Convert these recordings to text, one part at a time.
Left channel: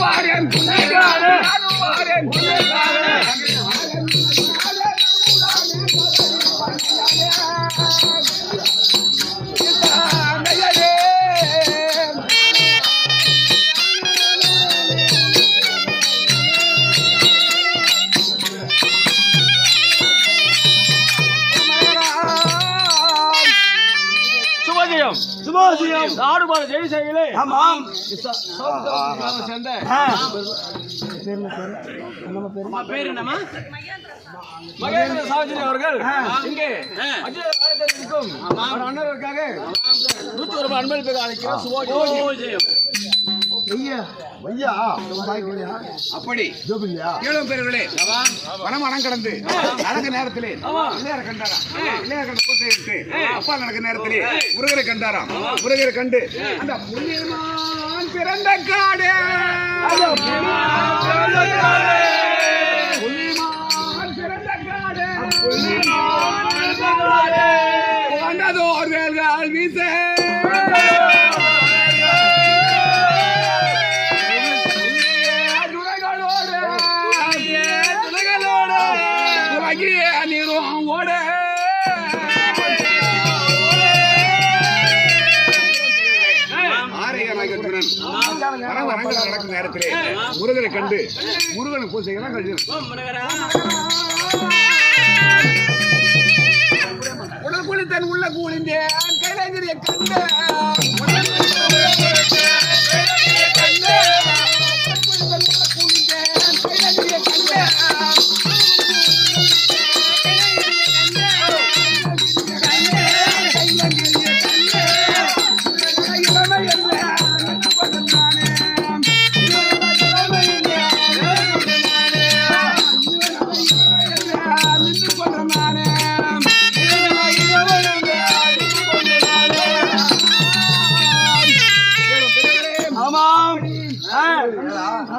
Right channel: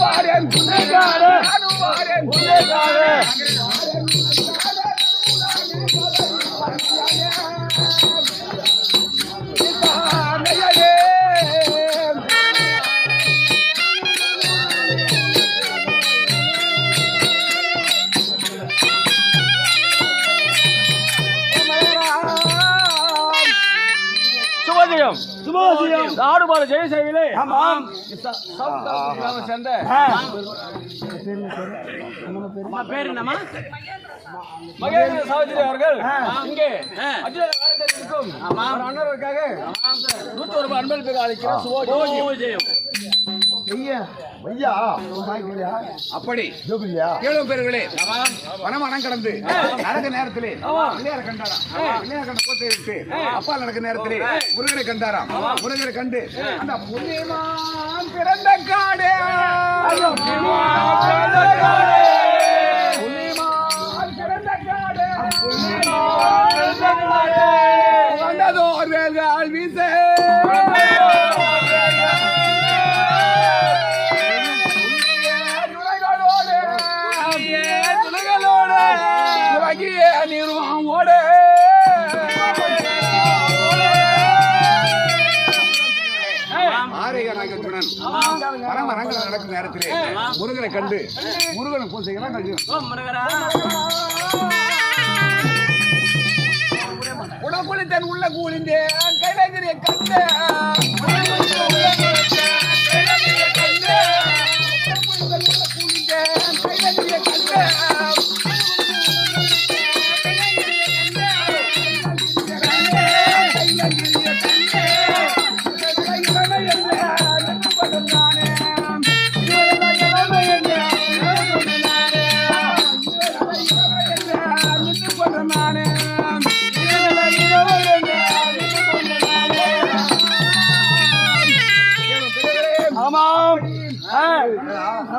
வாரேன் குணகாரே நானும் வாரேன் குணகாரே சுபஜயம் சுபோதயம் நாடுபாடு ஜெயசேவிலே ஆமாம். சேர்ந்த. ஆ. மகேந்திர சாவித்திரி அவர்கள். இங்கே அகில பாரதத்தில் இருக்கும். ஒரு அண்ணருக்காக நூத்தி ஒரு அன்பளிப்பு பெற அப்படி. வனம் வனம் கடந்து. நடக்க நேரத்திலே. பிள்ளையார கண்டாராம். பிள்ளையார கண்ட போட்டு இருக்கு அப்பா நடக்க நேரத்திலே முருகரை கண்டாராம். முருகரை கண்டு அந்த பிறந்த காடே. நடக்கும் நேரத்திலே முருகனை கண்டு முருகனை பூசைகள்லாம் கழிச்சு உனக்குழி தன் உள்ள கூலிந்தேன் கைலாகிரிய கண்டேன். கண்டு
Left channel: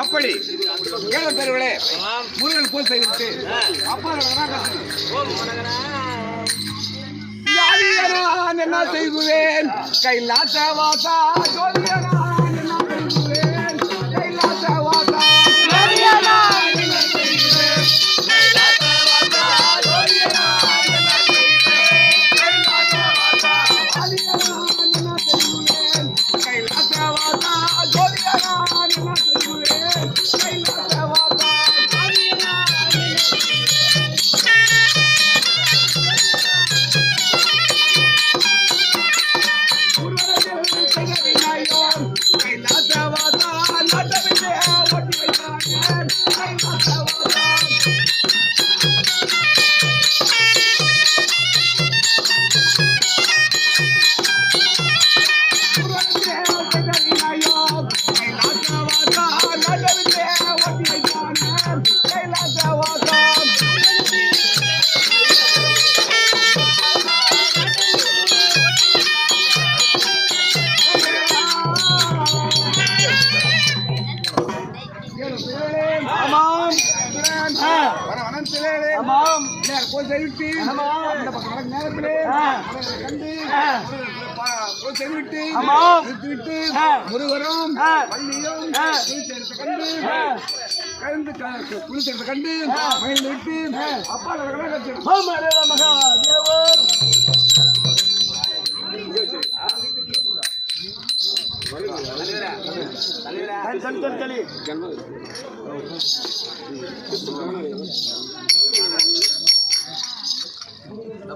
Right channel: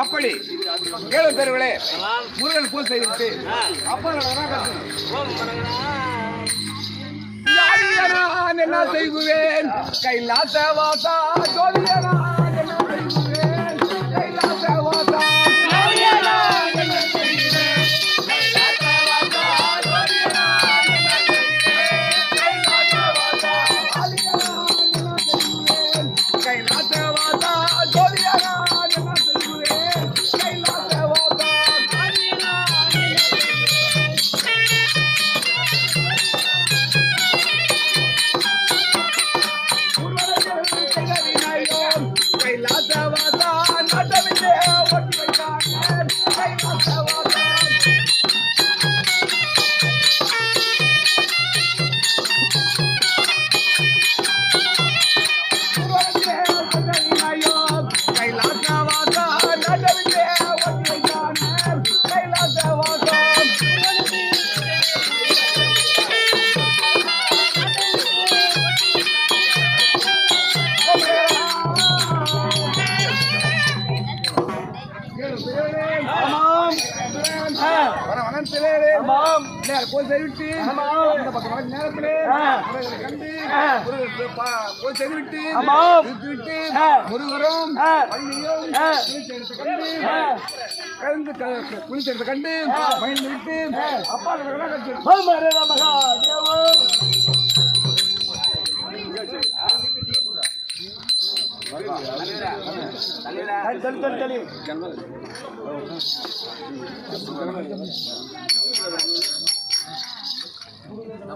அப்படி ஏழு பேர்களே முருகன் போல் செய்துவிட்டு. அப்பா என்ன செய்குவேன் கைலாச வாசா ஜோதியனான் போய் செய்விட்டு. ஆமாம். நிறுத்திவிட்டு ஆ. முருகரும் கண்டு குளித்தெடுத்து கண்டு மகிழ்ந்து விட்டு அப்பா நடக்கிறாங்க. ஓம் ஹர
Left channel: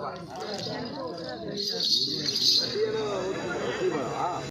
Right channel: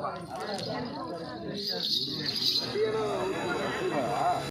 давай.